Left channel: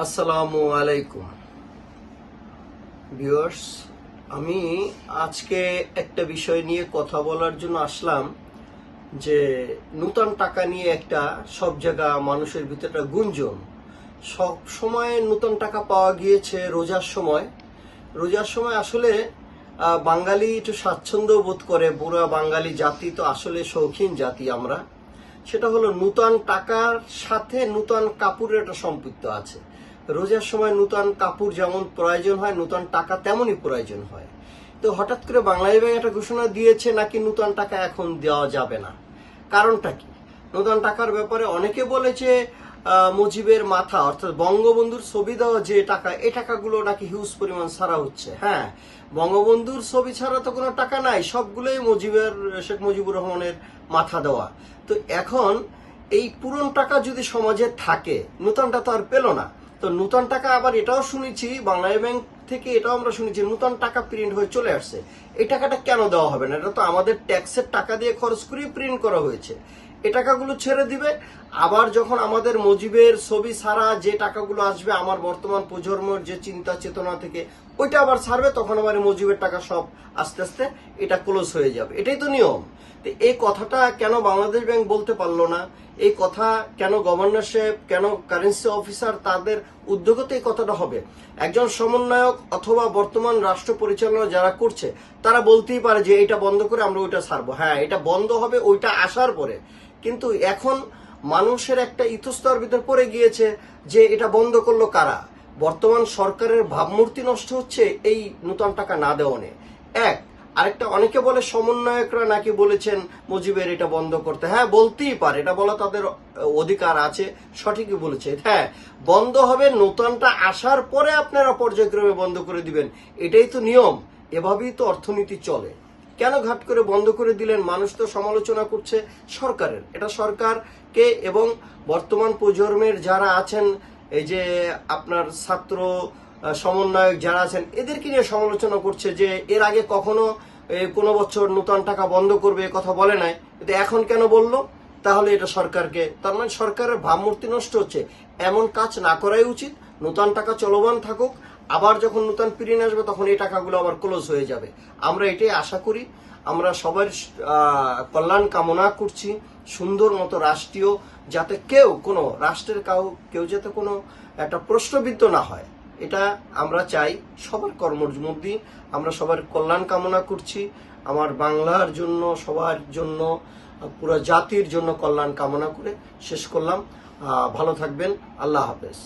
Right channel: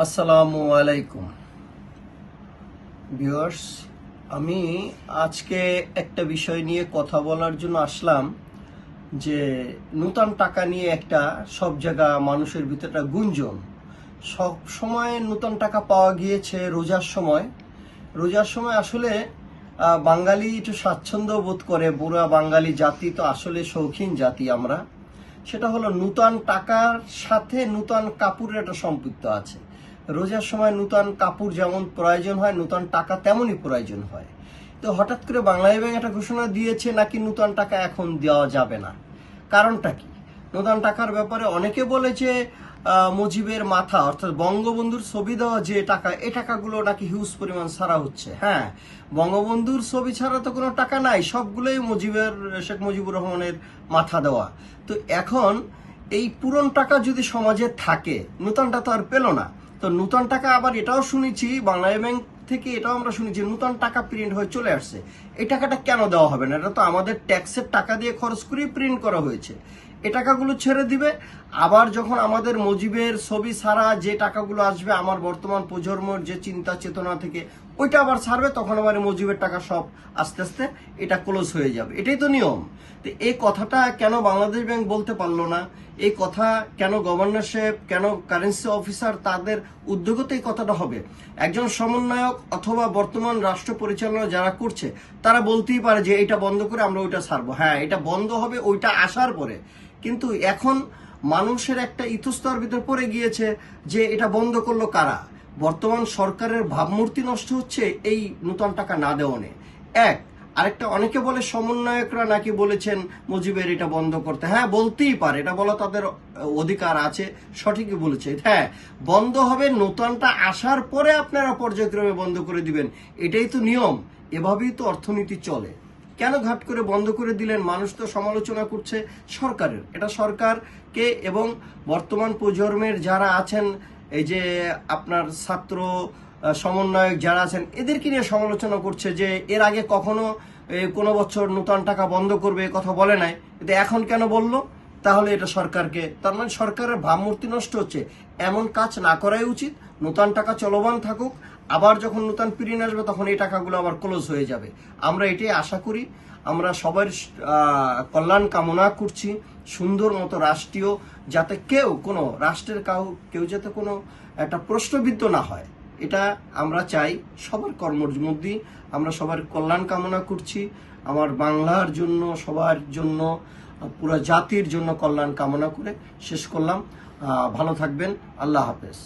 আসসালামু আলাইকুম ভিউয়ার্স, আমি আজকে একটা বিষয় নিয়ে কথা বলার জন্য আসলাম যে নূতন টাকা নিয়ে একটা সব জায়গা মানুষের ভিতরে একটা গুঞ্জন। সব সময় নূতন টাকা পাওয়া গিয়েছে রোজার সময় আসলে বাঙালি একটু স্বাচ্ছন্দ্য বোধ করে। বুড়া বাঙালি জাতি তো আসলে শৌখিন জাতি আমরা। সেটা হলো নূতন টাকার সাথে নূতন কাপড়ের একটা সম্পৃক্ত আছে। রোজার সময় নূতন কাপড় যেমন প্রয়োজন হয়, নূতন টাকা তেমনই প্রয়োজন হয়। তো হঠাৎ করে বাংলাদেশ ব্যাংক একটা ঘোষণা দিয়েছে নাকি নূতন টাকা এখন দেওয়া যাবে না। কারণটা কি? নূতন টাকার ব্যাপারে অনেকে বলেছে মুজিবের মাথা অর্থাৎ বঙ্গবন্ধুর ছবি দেওয়া যে টাকা, এই টাকাগুলো নাকি হিউজ পরিমাণ ছাড়া হচ্ছে। হ্যাঁ, বঙ্গবন্ধুর ছবি ছাড়া তো কোনো টাকা নাই, সবগুলোই শেখ মুজিবুর রহমানের মাথা দেওয়া। তো এখন এই পুরন টাকা যদি সমাজে থাকে, নূতনটা তো আর পেল না। তো নূতন টাকা আবার এটাও শুনেছি বাংলাদেশ ব্যাংক থেকে, এটাও আমরা শুনেছি নূতন টাকা প্রিন্ট হয়ে চলে আসছে। এই টাকাটা কেন দেওয়া হবে না? এটা তো আমাদের ট্যাক্সের টাকা দিয়ে খরচ করেই প্রিন্ট করা হয়েছে। এই টাকাগুলো ছেড়ে দিবে। আবার যখন আমাদের মুজিবের ছবি ছাড়া যে টাকাগুলো আসবে আমার বর্তমান প্রজন্মের যে চিন্তা চেতনা থেকে, ওইটা আবার ছাড়বে, তখন আবার মুজিবের টাকা সব আস্তে আস্তে এটা ক্লোজ হয়ে যাবে। এটাই তো নিয়ম। তো এই কথাটা কেন বাংলাদেশ ব্যাংক বলতে পারলো না? এই কথা কেন গভর্নর সাহেব, কেন কারেন্সি অফিসার, তাদের উদ্যোগতে এই কথাটা হবে? একজন সমন্বয়ক অথবা বর্তমান রাষ্ট্র পরিচালনা যারা করছে তারা বলতেই পারে যে এটা বন্ধ করে আমরা ওইটা ছাড়বো। হ্যাঁ, এটা বন্ধ হবে ওইটা আসার পরে। কিন্তু এখন মানুষের একটা ইতস্তর ভিতর পড়ে গিয়েছে যে এটা বন্ধ করলো কারা? বর্তমান সরকারের ভাবমূর্তি নষ্ট হচ্ছে এই নূতন টাকা না দেওয়ানে। আরেকটা, অনেকে বলে সমন্বয়করা নাকি বলেছেন মুজিবের এটা বন্ধ করতে। হ্যাঁ, বলতেই পারে, এটা বলা তাদের অধিকার আছে, সঠিকই বলেছে। হ্যাঁ, বন্ধ হবে নূতনটা আসার পরে আপনারা পর্যায়ক্রমে বন্ধ করে দিবেন, এটাই তো নিয়ম। এভাবেই তো অর্থনীতি চলে। কেন ঘাট করে বন্ধ করে দিলেন? মানুষ তো সমালোচনা করছে সরকারের। এটা সরকারকে এবং বর্তমান প্রজন্মের যারা আছেন, এই যে আপনার ছাত্র সমন্বয়ক যারা আছেন, এদেরকে নিয়ে সমালোচনা করছে যে এর আগে কখনো কোনো বছর নূতন টাকা বন্ধ করবে কথা বলে নাই, কিন্তু এখন কেন বললো? তাহলে এটা সরকারকে, তার মানে সরকারের ভাবমূর্তি নষ্ট হচ্ছে। এমন কাজ না করাই উচিত। নূতন টাকা চলমান থাকুক, আবার যখন নূতন প্রিন্ট আসবে তখন এই টাকাগুলো আবার ক্লোজ হয়ে যাবে। আমরা এটাই আশা করি। আমরা সবার কল্যাণ কামনা করছি। সুন্দর মতো রাষ্ট্রীয়, যাতে কোনো রাষ্ট্রের কেউ যাতে কোনো একটা প্রশ্নবিদ্ধ না হয়, এটা আমরা চাই। সবার কর্মের মধ্যে আমরা সবার কল্যাণ কামনা করছি। আমার বাংলার জন্য, সবার জন্য, পুরো জাতির জন্য কল্যাণ কামনা করে শেষ করলাম। ভালো থাকবেন। আল্লাহ হাফেজ।